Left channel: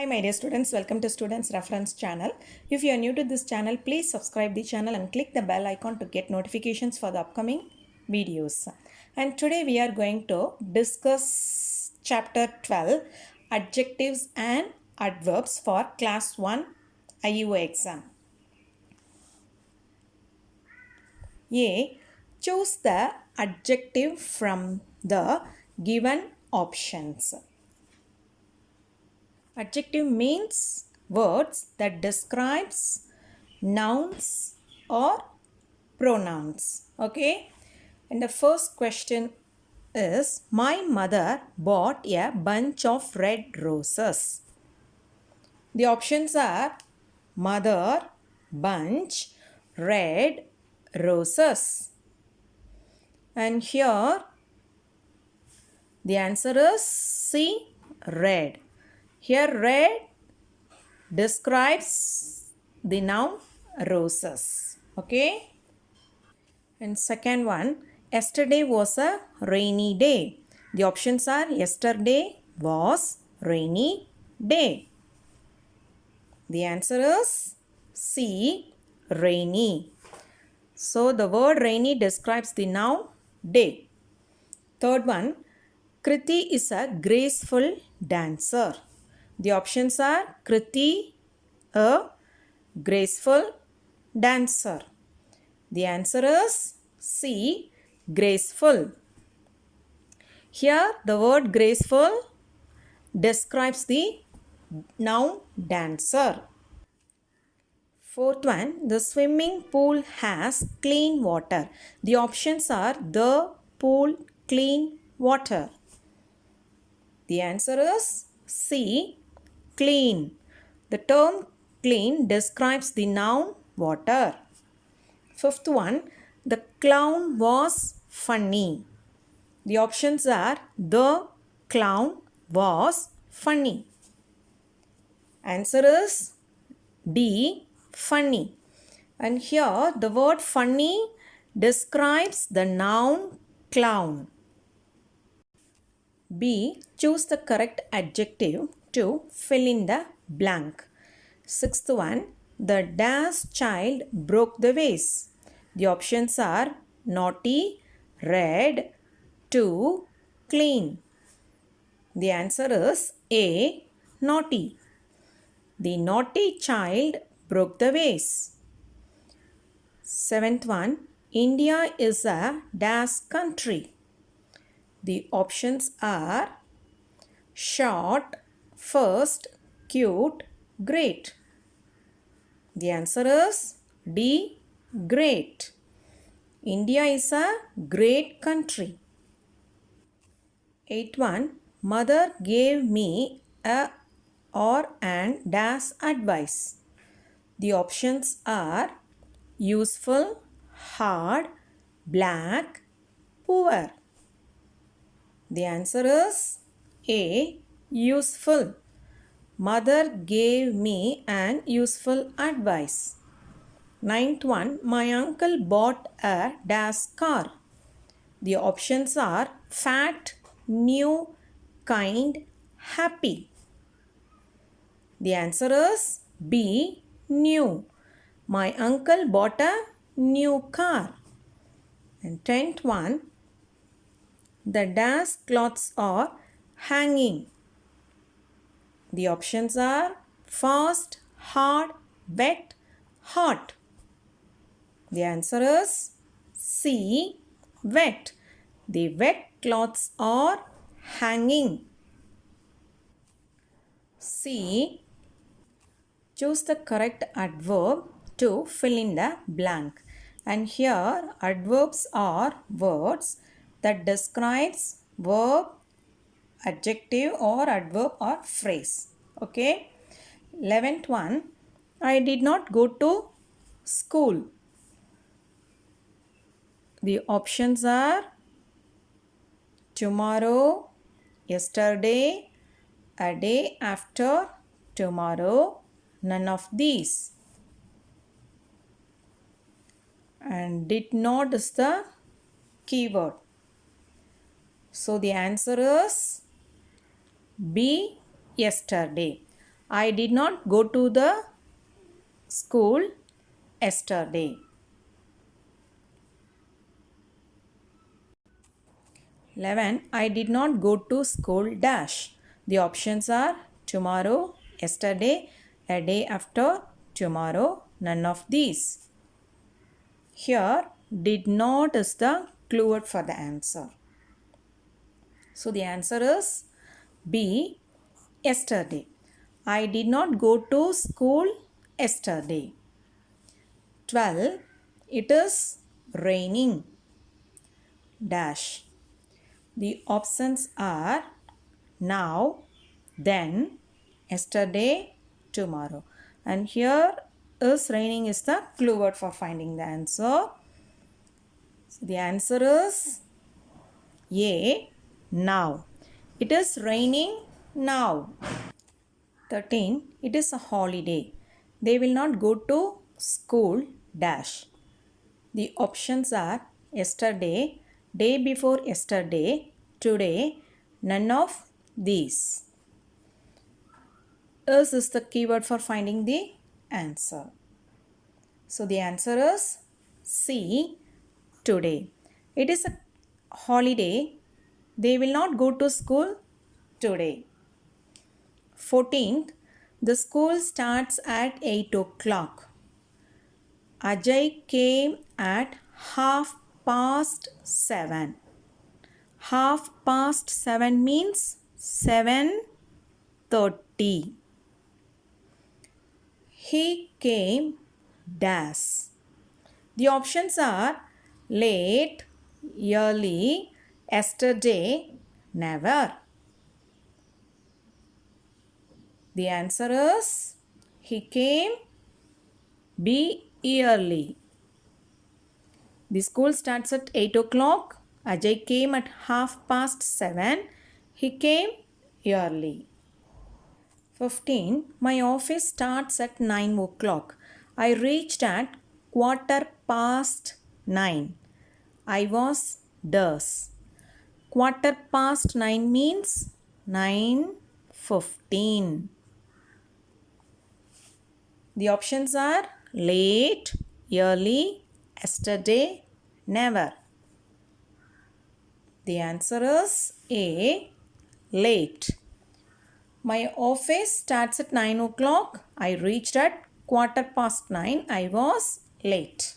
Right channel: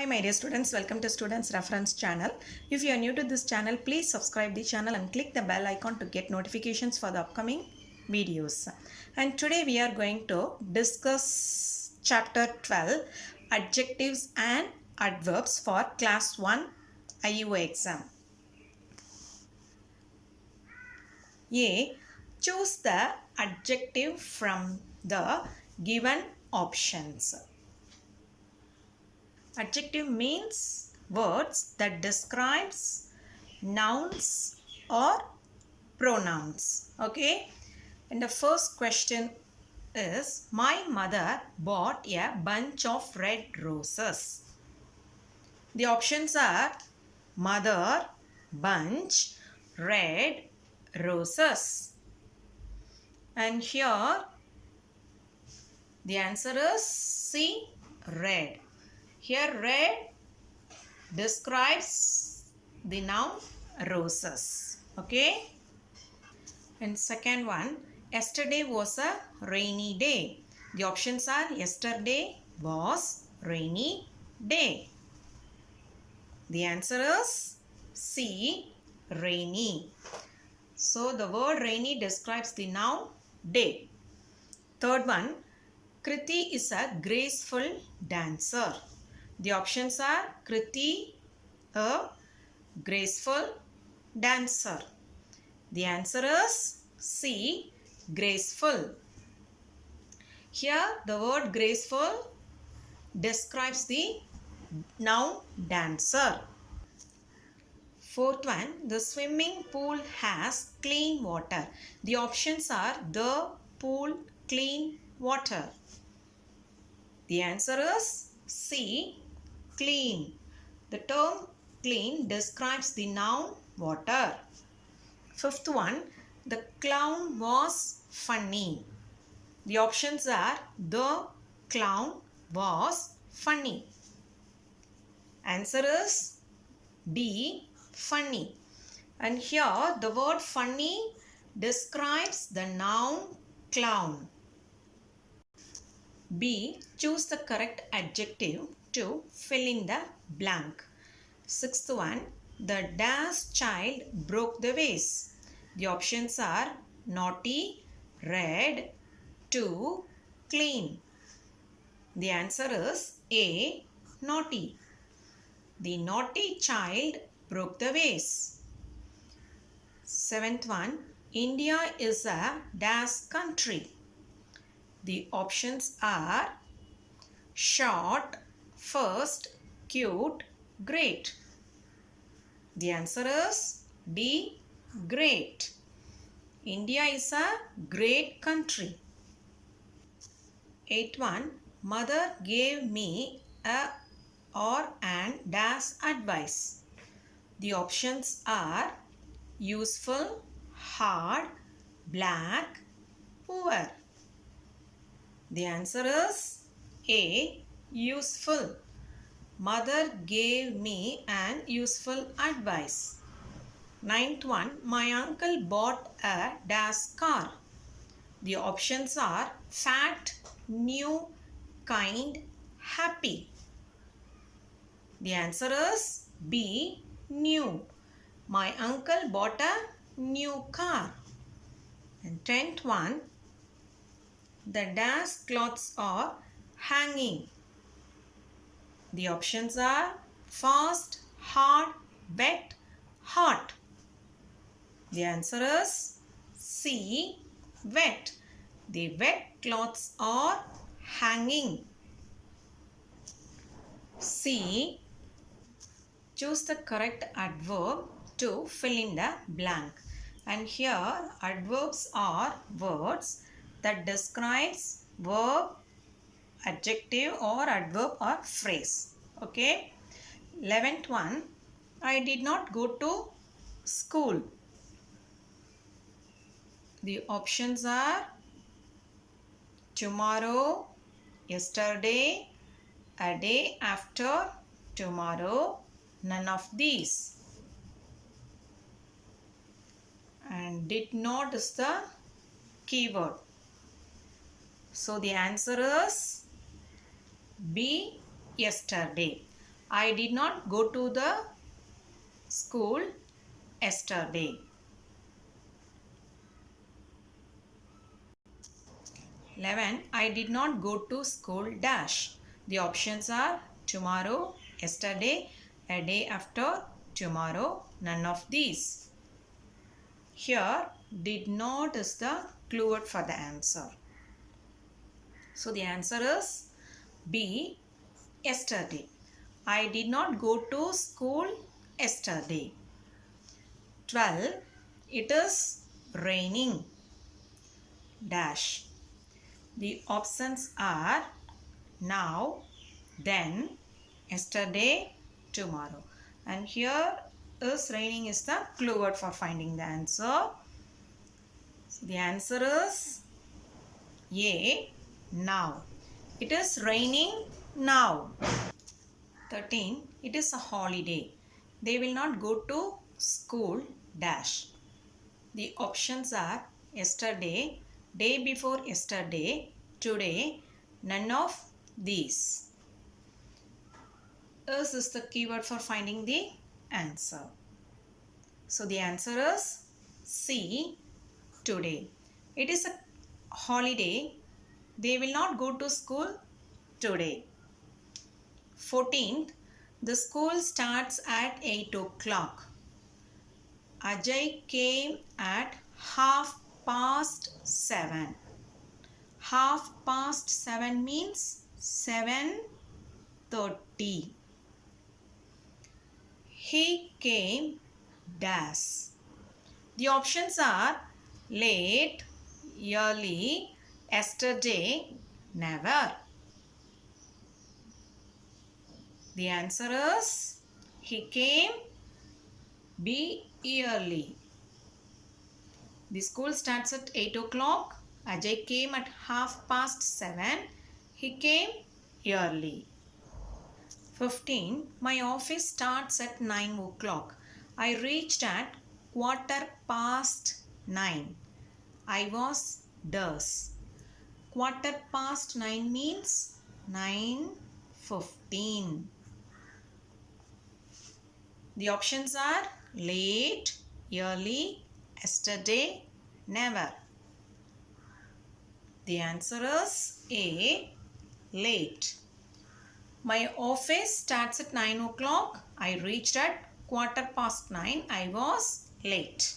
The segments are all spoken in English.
Hi my dear students, welcome to Students Reference channel. If you are new to this channel, please subscribe the channel and click the bell icon to get notifications for the upcoming videos. And today we are going to discuss chapter 12, adjectives and adverbs for class 1 IUO exam. A. Choose the adjective from the given options. Adjective means words that describes nouns or pronouns. Okay. And the first question is, my mother bought a bunch of red roses. The options are mother, bunch, red, roses. And here the answer is C, red. Here red describes the noun roses. Okay. And second one, yesterday was a rainy day. The options are yesterday was rainy day. The answer is C, rainy. So the word rainy describes the noun day. Third one, Kriti is a graceful dancer. The options are Kriti, a graceful dancer. The answer is C, graceful. Here the word graceful describes the noun dancer. Fourth one, the swimming pool has clean water. The options are the pool, clean water. The answer is C, clean. The term clean describes the noun water. Fifth one, the clown was funny. The options are the clown was funny. Answer is D, funny. And here the word funny describes the noun clown. B. Choose the correct adjective to fill in the blank. Sixth one, the dash child broke the vase. The options are naughty, red, too, clean. The answer is A, naughty. The naughty child broke the vase. Seventh one, India is a dash country. The options are short, first, cute, great. The answer is D, great. India is a great country. Eighth one, mother gave me a or an dash advice. The options are useful, hard, black, poor. The answer is A, useful. Mother gave me an useful advice. Ninth one, my uncle bought a dash car. The options are fat, new, kind, happy. The answer is B, new. My uncle bought a new car. And tenth one, the dash cloths are hanging. The options are fast, hard, wet, hot. The answer is C, wet. The wet cloths are hanging. C. Choose the correct adverb to fill in the blank. And here adverbs are words that describes verb, adjective or adverb or phrase. Okay. 11th one, I did not go to school. The options are tomorrow, yesterday, a day after, tomorrow, none of these. And did not is the keyword. So the answer is B, yesterday. I did not go to the school yesterday. 11. I did not go to school dash. The options are tomorrow, yesterday, a day after, tomorrow, none of these. Here, did not is the clue word for the answer. So the answer is B, yesterday. I did not go to school yesterday. 12. It is raining dash. The options are now, then, yesterday, tomorrow. And here is raining is the clue word for finding the answer. So the answer is A, now. It is raining now. 13. It is a holiday. They will not go to school dash. The options are yesterday, day before yesterday, today, none of these. Is the keyword for finding the answer. So the answer is C, today. It is a holiday. They will not go to school today. 14th, the school starts at 8 o'clock. Ajay came at 7:30. 7:30 means 7:30. He came dash. The options are late, early, yesterday, never. The answer is he came B, early. The school starts at 8 o'clock. Ajay came at 7:30. He came early. 15. My office starts at 9 o'clock. I reached at 9:15. I was thus. 9:15 means 9:15. The options are late, early, yesterday, never. The answer is A, late. My office starts at 9 o'clock. I reached at 9:15. I was late.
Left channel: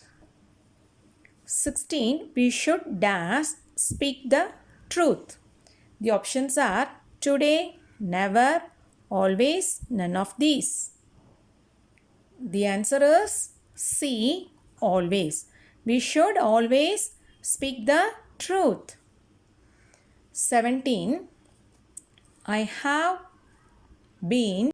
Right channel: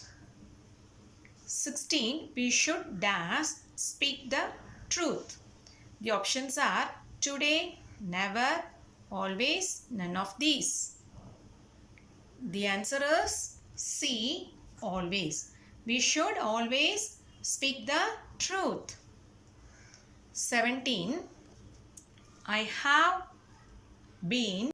16. We should dash speak the truth. The options are today, never, always, none of these. The answer is C, always. We should always speak the truth. 17. I have been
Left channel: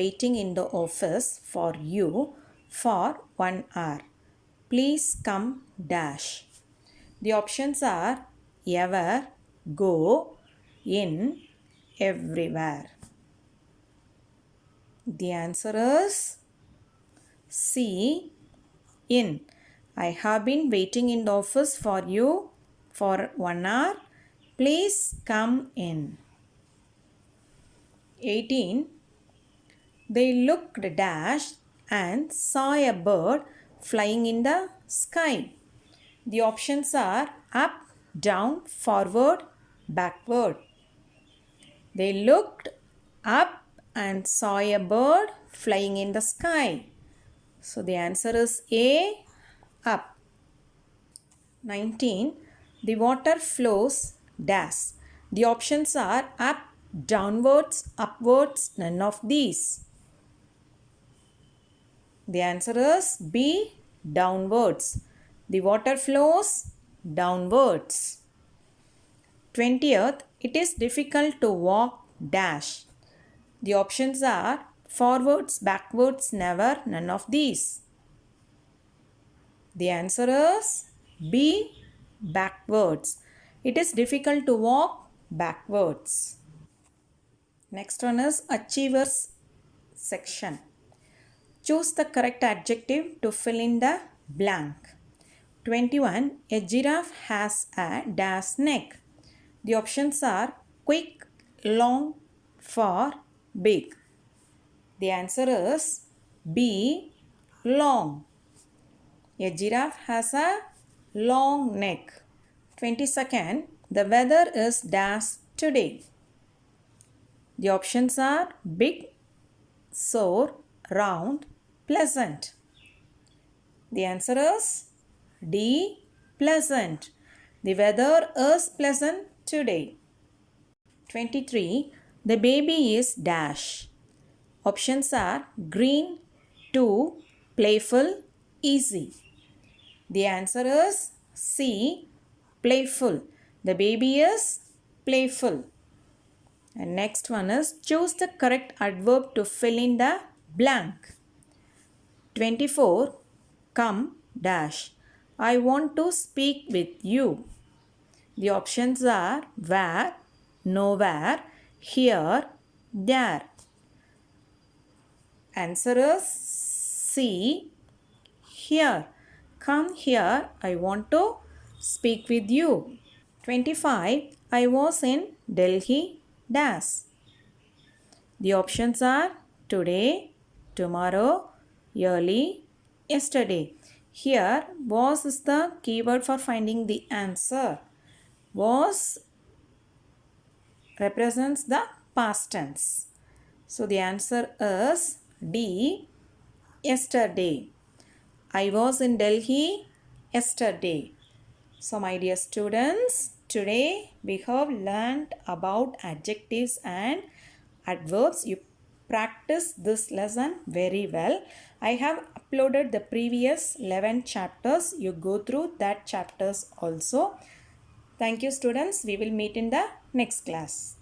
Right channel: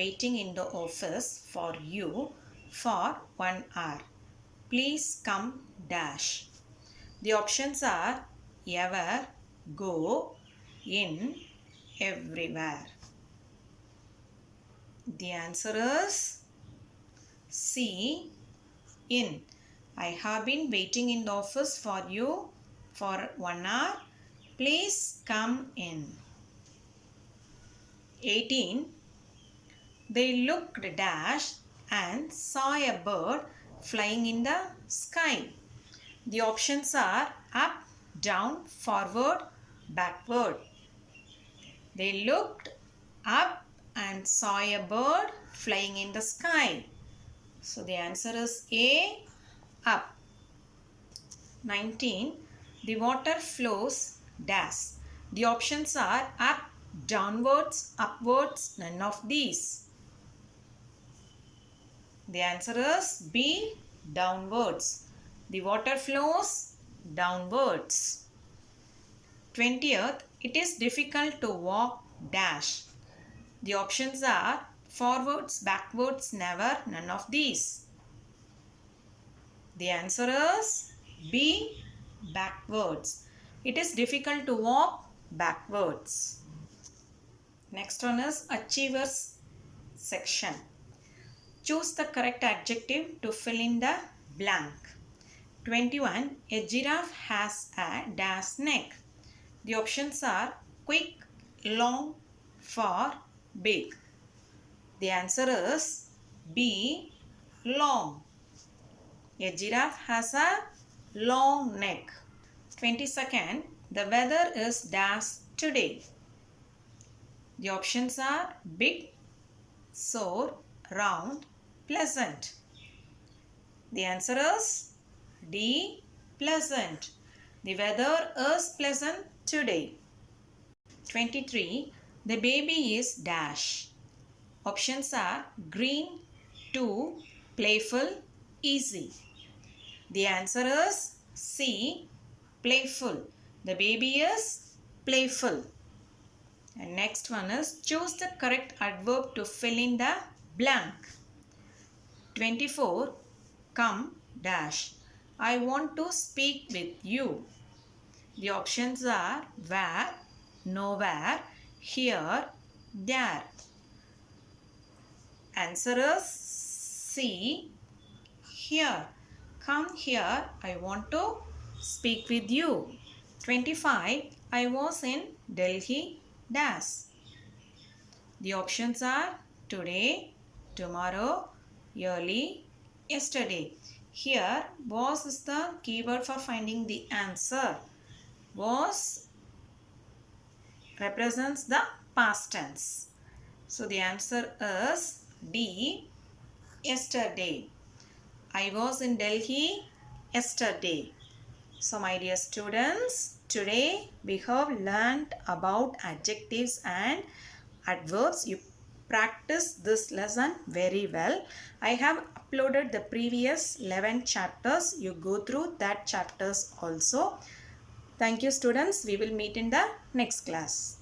waiting in the office for you for 1 hour. Please come dash. The options are ever, go, in, everywhere. The answer is C, in. I have been waiting in the office for you for 1 hour. Please come in. 18. They looked dash and saw a bird flying in the sky. The options are up, down, forward, backward. They looked up and saw a bird flying in the sky. So the answer is A, up. 19. The water flows dash. The options are up, downwards, upwards, none of these. The answer is B, downwards. The water flows downwards. 20th, it is difficult to walk dash. The options are forwards, backwards, never, none of these. The answer is B, backwards. It is difficult to walk backwards. Next one is achievers section. Choose the correct adjective to fill in the blank. 21. A giraffe has a dash neck. The options are quick, long, for big? The answer is B. Long. A giraffe has a long neck. 22nd. The weather is dash today. The options are big, sore, round, pleasant. The answer is D. Pleasant. The weather is pleasant today. 23. The baby is dash. Options are green, 2, playful, easy. The answer is C. Playful. The baby is playful. And next one is choose the correct adverb to fill in the blank. 24. Come dash. I want to speak with you. The options are where, nowhere, here, there. Answer is C. Here. Come here. I want to speak with you. 25. I was in Delhi dash. The options are today, tomorrow, early, yesterday. Here, was is the keyword for finding the answer. Was represents the past tense. So the answer is D. Yesterday. I was in Delhi yesterday. So my dear students, today we have learned about adjectives and adverbs. You practice this lesson very well. I have uploaded the previous 11 chapters. You go through that chapters also. Thank you students. We will meet in the next class.